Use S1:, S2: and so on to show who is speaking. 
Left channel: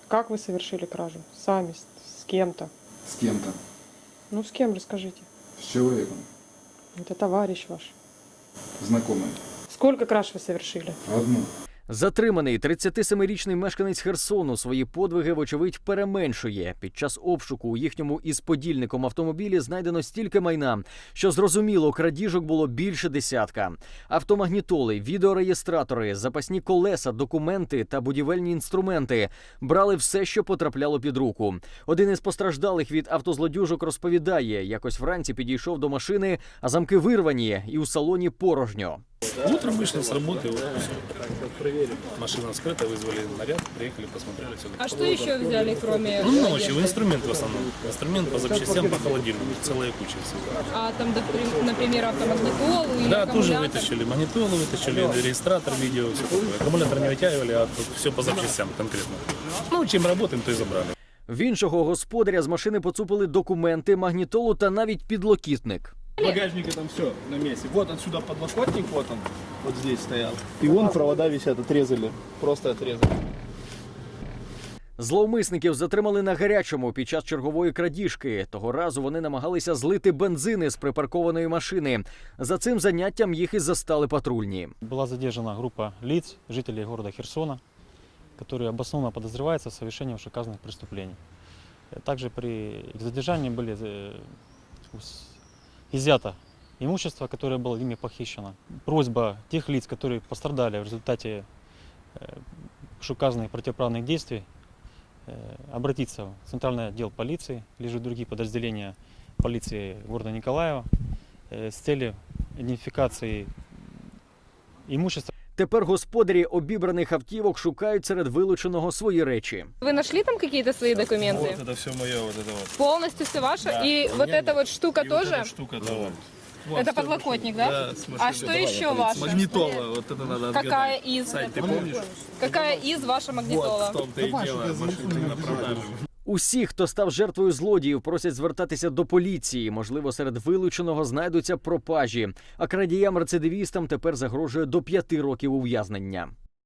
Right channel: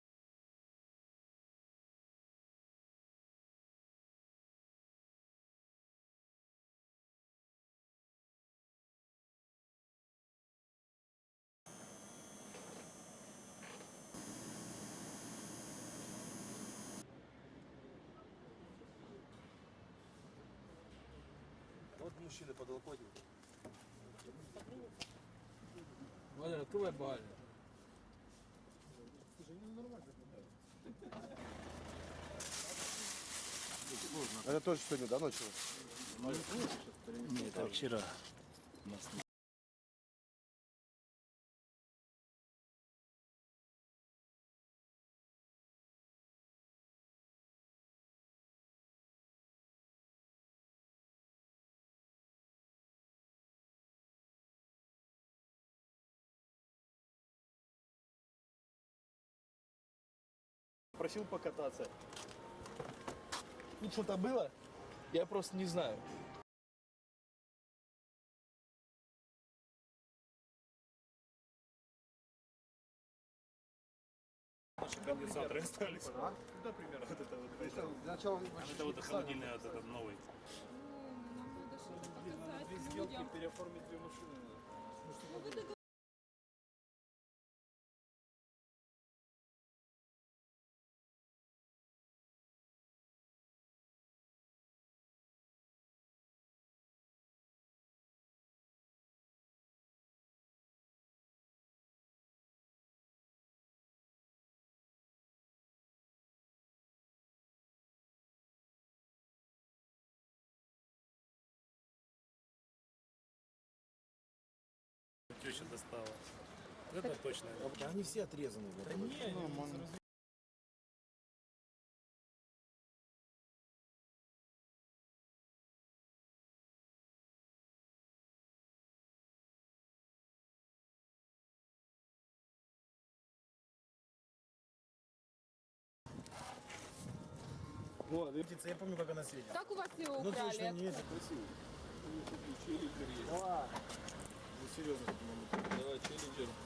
S1: Как вы совершили кражу? Сами, с кем-то?
S2: С кем-то.
S1: Ну, с кем, расскажите.
S2: С человеком.
S1: Это товарищ ваш.
S2: Знакомый.
S1: Сколько краж вы совершили?
S2: Одну.
S3: Затриманий 37-річний мешканець Херсону свої подвиги, вочевидь, переменшує. Під час обшуку у їхньому із подільником автомобілі знайдено стільки майна, що, зрозуміло, крадіжок було більше десятка. Автомагнітоли, відеореєстратори, запасні колеса, документи та будівельні інструменти. Брали все, що потрапляло під руку. Один із постраждалих від автозлодюжок розповідає, якось вранці підійшов до машини, а замки вирвані і у салоні порожньо.
S4: Утром вышли с работы, вот, всё. Машина скрыта, вызвали наряд, приехали, посмотрели все.
S5: А что еще взяли, кроме...
S4: Ну, ночью, инструмент в основном. Инструмент по запчастям, по холодильнику, целая куча всего.
S5: А там, например, автомагнитолу или
S4: Да, тоже
S5: аккумулятор?
S4: вытащили магнитолу, вытащили регистратор, видео, все такое. Аккумулятор не вытягивали, а все по запчастям конкретно. Ну, чем работаем, то и забрали.
S3: В іншого господаря з машини поцупили документи, магнітолу та навіть підлокітник.
S6: В багажнике там все на месте. Вот отсюда подлокотник, вот он, вот здесь стоял. И вон провода висят, отрезали, просто отрезали.
S3: Зловмисників затримали на гарячому під час чергової крадіжки. Того разу вони намагалися злити бензини з припаркованої машини. За цим заняттям їх і застали патрульні.
S7: Была задержана группа лиц, жителей города Херсона, которые обоснованно подозреваются в совершении вышеуказанных преступлений. Также при их задержании были изъято имущество, которое было ими похищено. Просьба тех лиц, которые пострадали в результате вышеуказанных противоправных действий, обратиться в Центральный отдел полиции, либо же другие подразделения полиции города Николаева с целью идентификации имущества.
S3: Тепер господарі обібраних автівок шукають серед вилученого свої речі.
S5: Вы нашли там какие-то свои документы?
S4: Вот это все мое, вот это вот.
S5: Полностью все ваше?
S4: Да.
S5: И вот эта вот штука
S4: И вот
S5: тоже?
S4: эта штука, да, вот.
S5: Это подлокотник, да? А что еще ваше?
S6: Магнитола, вот это надо
S5: Какая из?
S6: Сань, ты помнишь?
S5: Какая из ваша магнитола?
S6: Вот, в том-то и дело, машина на продажу.
S3: Усі, хто став жертвою злодіїв, просять звертатися до поліції. Можливо, серед вилученого знайдуться пропажі. А крадіям-рецидивістам тепер загрожує до 5 років ув'язнення.